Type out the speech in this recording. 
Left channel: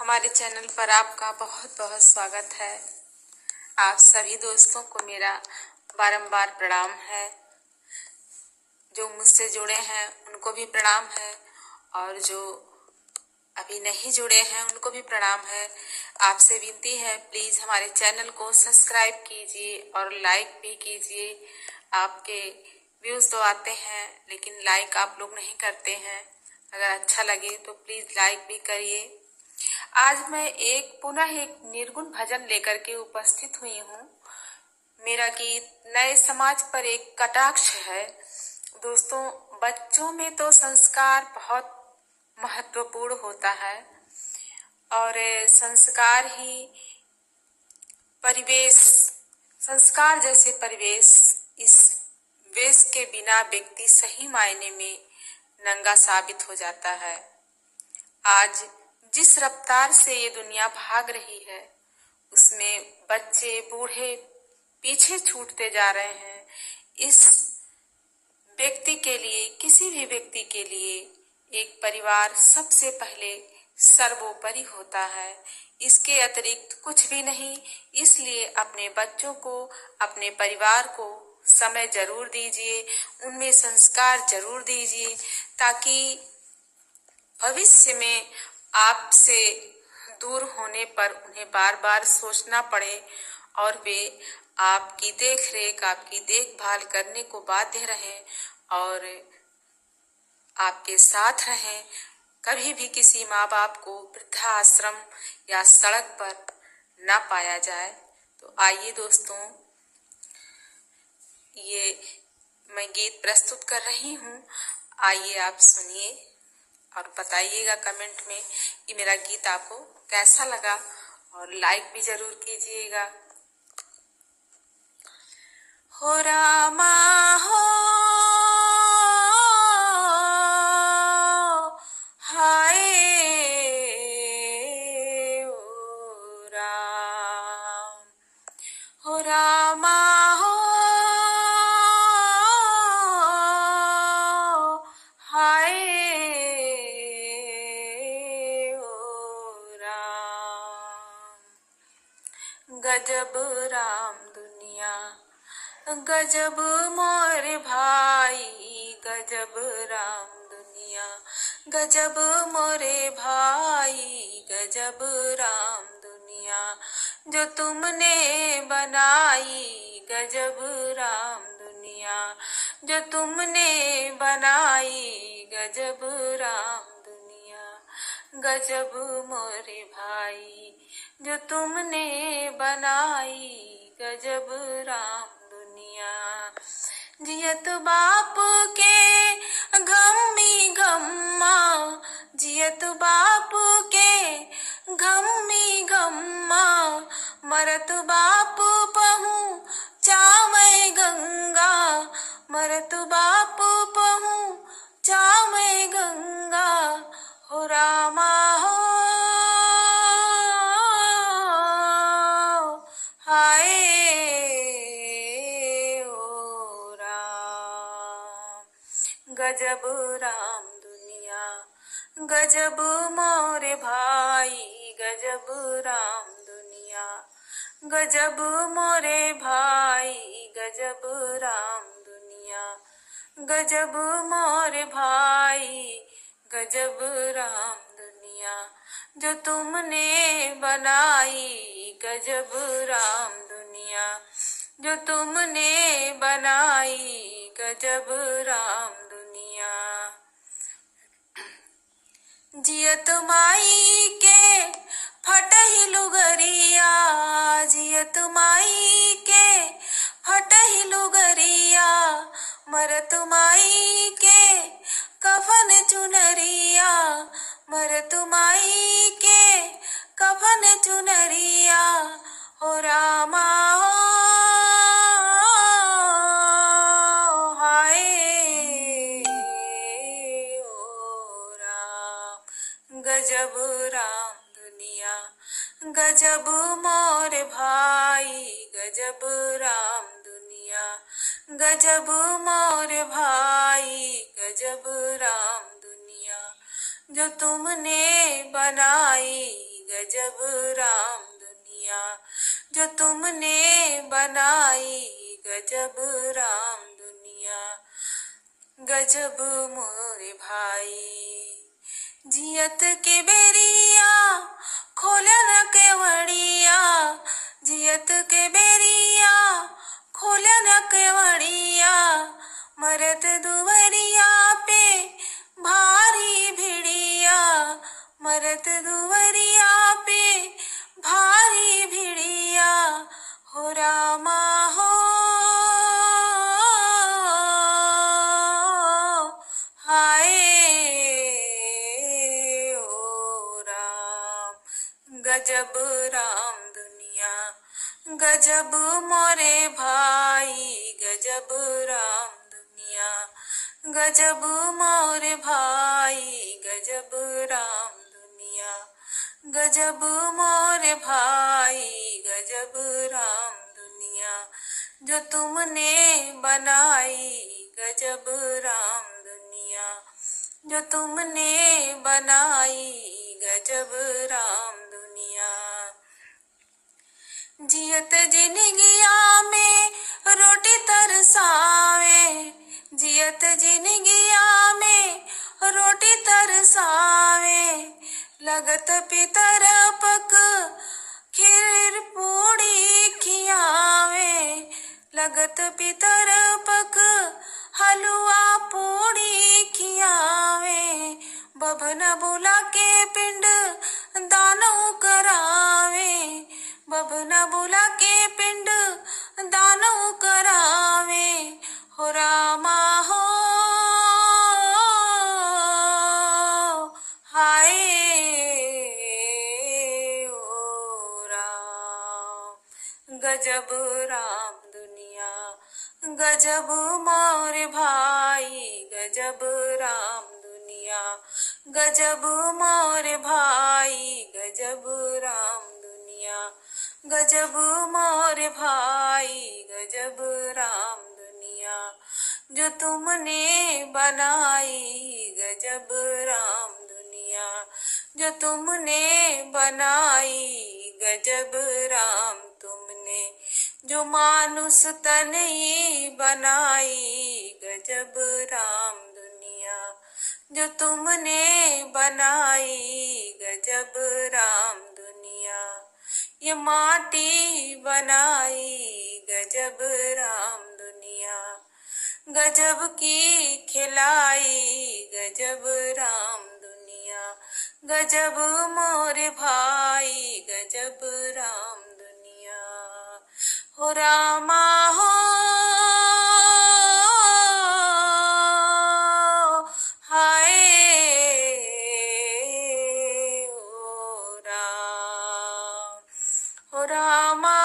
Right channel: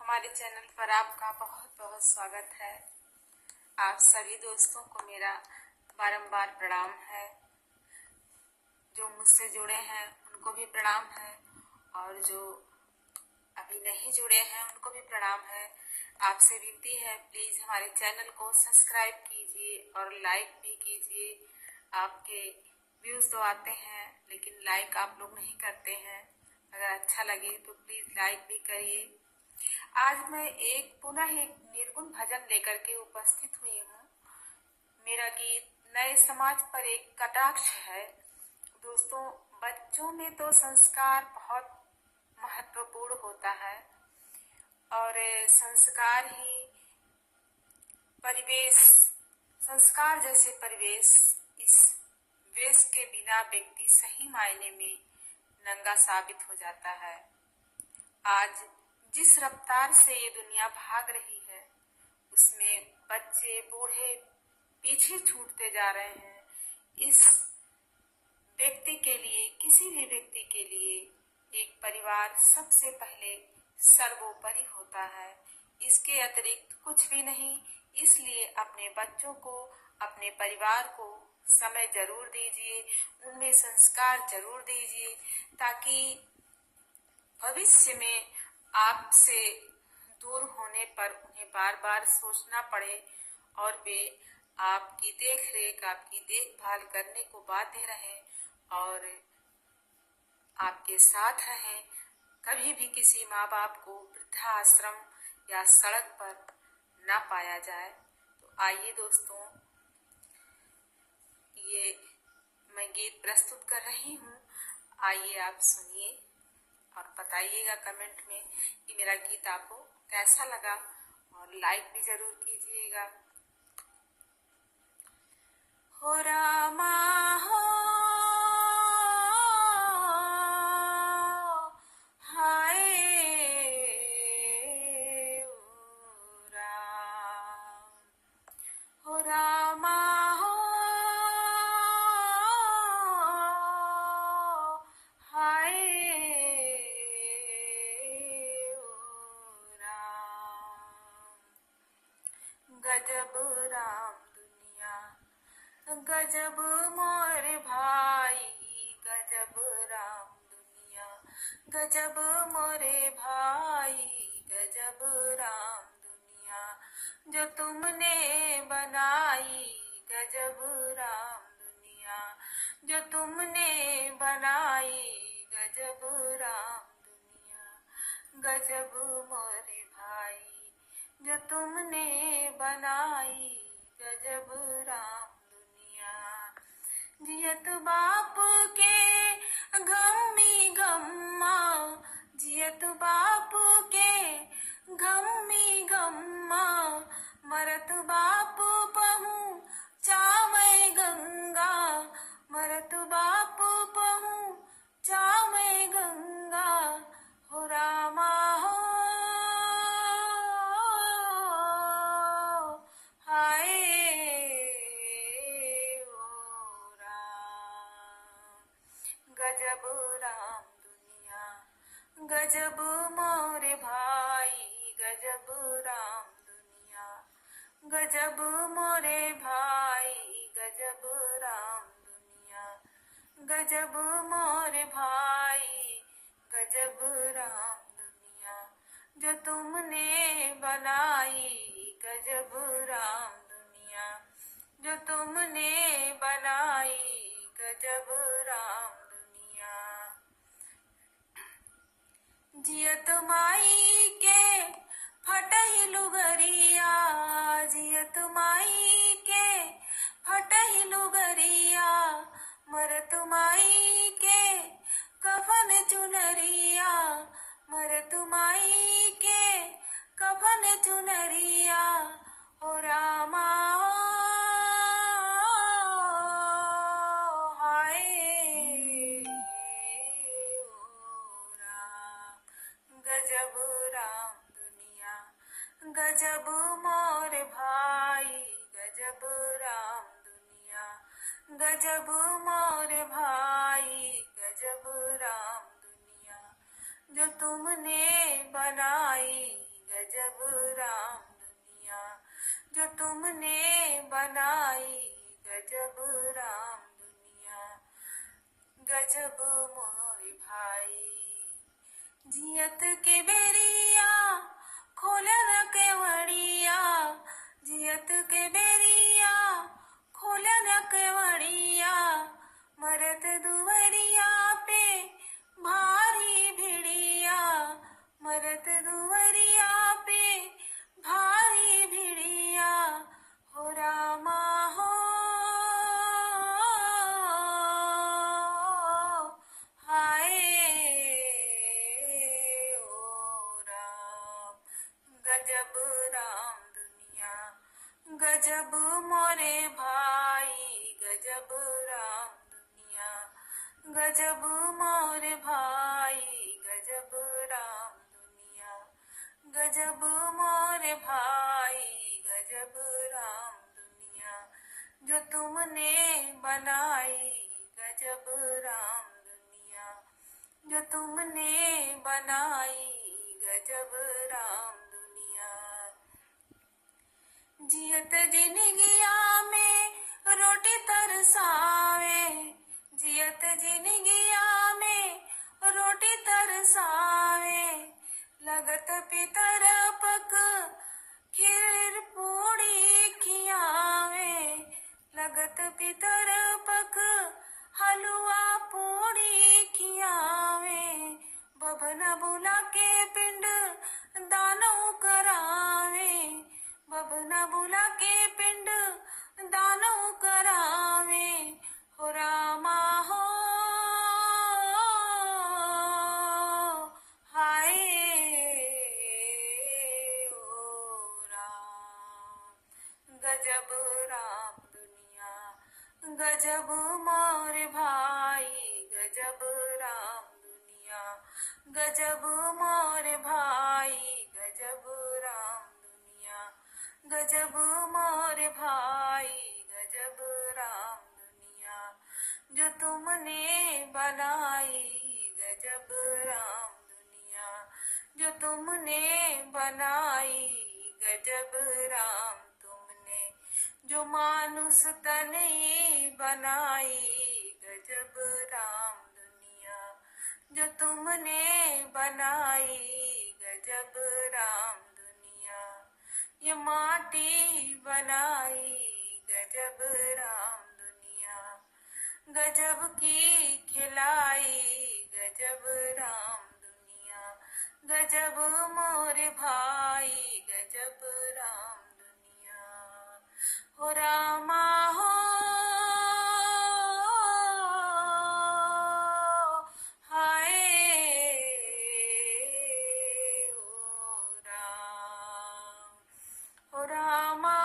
हमारे चैनल पर आपका बहुत बहुत स्वागत है। आप सभी दोस्तों को मेरा बारंबार प्रणाम है। जो मुझसे जुड़े हैं उनको भी प्रणाम है और जो अभी नहीं जुड़े हैं उनको भी प्रणाम है। आपसे विनती है, प्लीज़ हमारे चैनल को सब्सक्राइब कीजिए और लाइक भी कीजिए। आपके व्यूज़ तो आते हैं लेकिन लाइक आप लोग नहीं करते हैं। अगर अच्छा लगे तो प्लीज़ लाइक भी करिए। आज मैं पुनः एक निर्गुण भजन लेकर के उपस्थित हुई हूँ। मेरा गीत नए समाज पर एक कटाक्ष है। दोस्तों, बच्चों में तो संस्कार बहुत महत्वपूर्ण होता है और संस्कार ही परिवेश, संस्कार जैसे परिवेश, इस वेश के बिना व्यक्ति सही मायने में नंगा साबित हो जाता है। आज जिस रफ्तार से ये दुनिया भाग रही है उसमें बच्चे बूढ़े पीछे छूटते जा रहे हैं। इस व्यक्ति के लिए, किसी भी व्यक्ति के लिए एक परिवार सबसे पहले सर्वोपरि होता है। इसके अतिरिक्त कुछ भी नहीं। इसलिए अपने बच्चों को, अपने परिवार को समय जरूर दीजिए, उनमें संस्कार जरूर दीजिए ताकि भविष्य में आपसे दूर होने पर उन्हें बार बार सोचना पड़े और वे आपकी देख रेख, आपकी देखभाल करने को बाध्य रहें और आपके साथ रहें। कभी भी किसी माँ बाप को वृद्धाश्रम या सड़क पर ना पाया जाए। तो आइए दोस्तों, ये मैं गीत प्रस्तुत कर रही हूँ। आइए आप सुनिए और बताइएगा कमेंट में कि मेरा गीत आपको कैसा लगा और लाइक भी जरूर कीजिएगा। हो रामा हो, हाय ओ राम, हो रामा हो, हाय ओ राम। गजब राम दुनिया, गजब मोर भाई, गजब राम दुनिया, गजब मोरे भाई, गजब राम दुनिया जो तुमने बनाई, गजब राम दुनिया जो तुमने बनाई, गजब राम दुनिया, गजब मोरे भाई जो तुमने बनाई, गजब राम दुनिया। जियत बाप के गम्मी गम्मा, जियत बाप के गम्मी गम्मा, मरत बाप पहूँ चावै गंगा, मरत बाप पहूँ चावै गंगा। हो रामा हो, हाय ओ राम। गजब राम दुनिया, गजब मोरे भाई, गजब राम दुनिया, गजब मोरे भाई, गजब राम दुनिया, गजब मोरे भाई, गजब राम दुनिया जो तुमने बनाई, गजब राम दुनिया जो तुमने बनाई, गजब राम दुनिया। जियत माई के फटही लुगरिया, जियत माई के फटही लुगरिया, मरत माई के कफन चुनरिया, मरत माई के कफन चुनरिया। हो रामा हाय ओ राम। गजब राम दुनिया, गजब मोर भाई, गजब राम दुनिया, गजब मोर भाई, गजब राम दुनिया जो तुमने बनाई, गजब राम दुनिया जो तुमने बनाई, गजब राम दुनिया, गजब मोरे भाई। जियत के बेरिया खोले न केवड़िया, जियत के बेरिया खोले न केवड़िया, मरत दुवरिया पे भारी भिड़िया, मरत दुवरिया पे भारी भिड़िया, हो रामा हो हाय ओ राम, गजब राम दुनिया, गजब मोरे भाई, गजब राम दुनिया, गजब मोरे भाई, गजब राम दुनिया, गजब मोरे भाई, गजब राम दुनिया जो तुमने बनाई, गजब राम दुनिया जो तुमने बनाई, गजब राम दुनिया। जियत जिनगिया में रोटी तरसावे, जियत जिनगिया में रोटी तरसावे, लगत पितर पक खीर पूड़ी खियावे, लगत पितर पक हलवा पूड़ी खियावे, बभन बुला के पिंड दानव करावे, बभना बुला के पिंड दानव करावे, हो रामा हो हाय ओ राम, गजब राम दुनिया, गजब मोरे भाई, गजब राम दुनिया, गजब मोरे भाई, गजब राम दुनिया, गजब मोरे भाई, गजब राम दुनिया जो तुमने बनाई, गजब राम दुनिया जो तुमने बनाई, गजब राम तुमने जो मानुष तन ही बनाई, गजब राम दुनिया जो तुमने बनाई, गजब राम दुनिया, ये माटी बनाई, गजब राम दुनिया, गजब की खिलाई, गजब राम दुनिया, गजब मोरे भाई, गजब राम दुनिया, हो रामा हो हाय ओ राम, हो रामा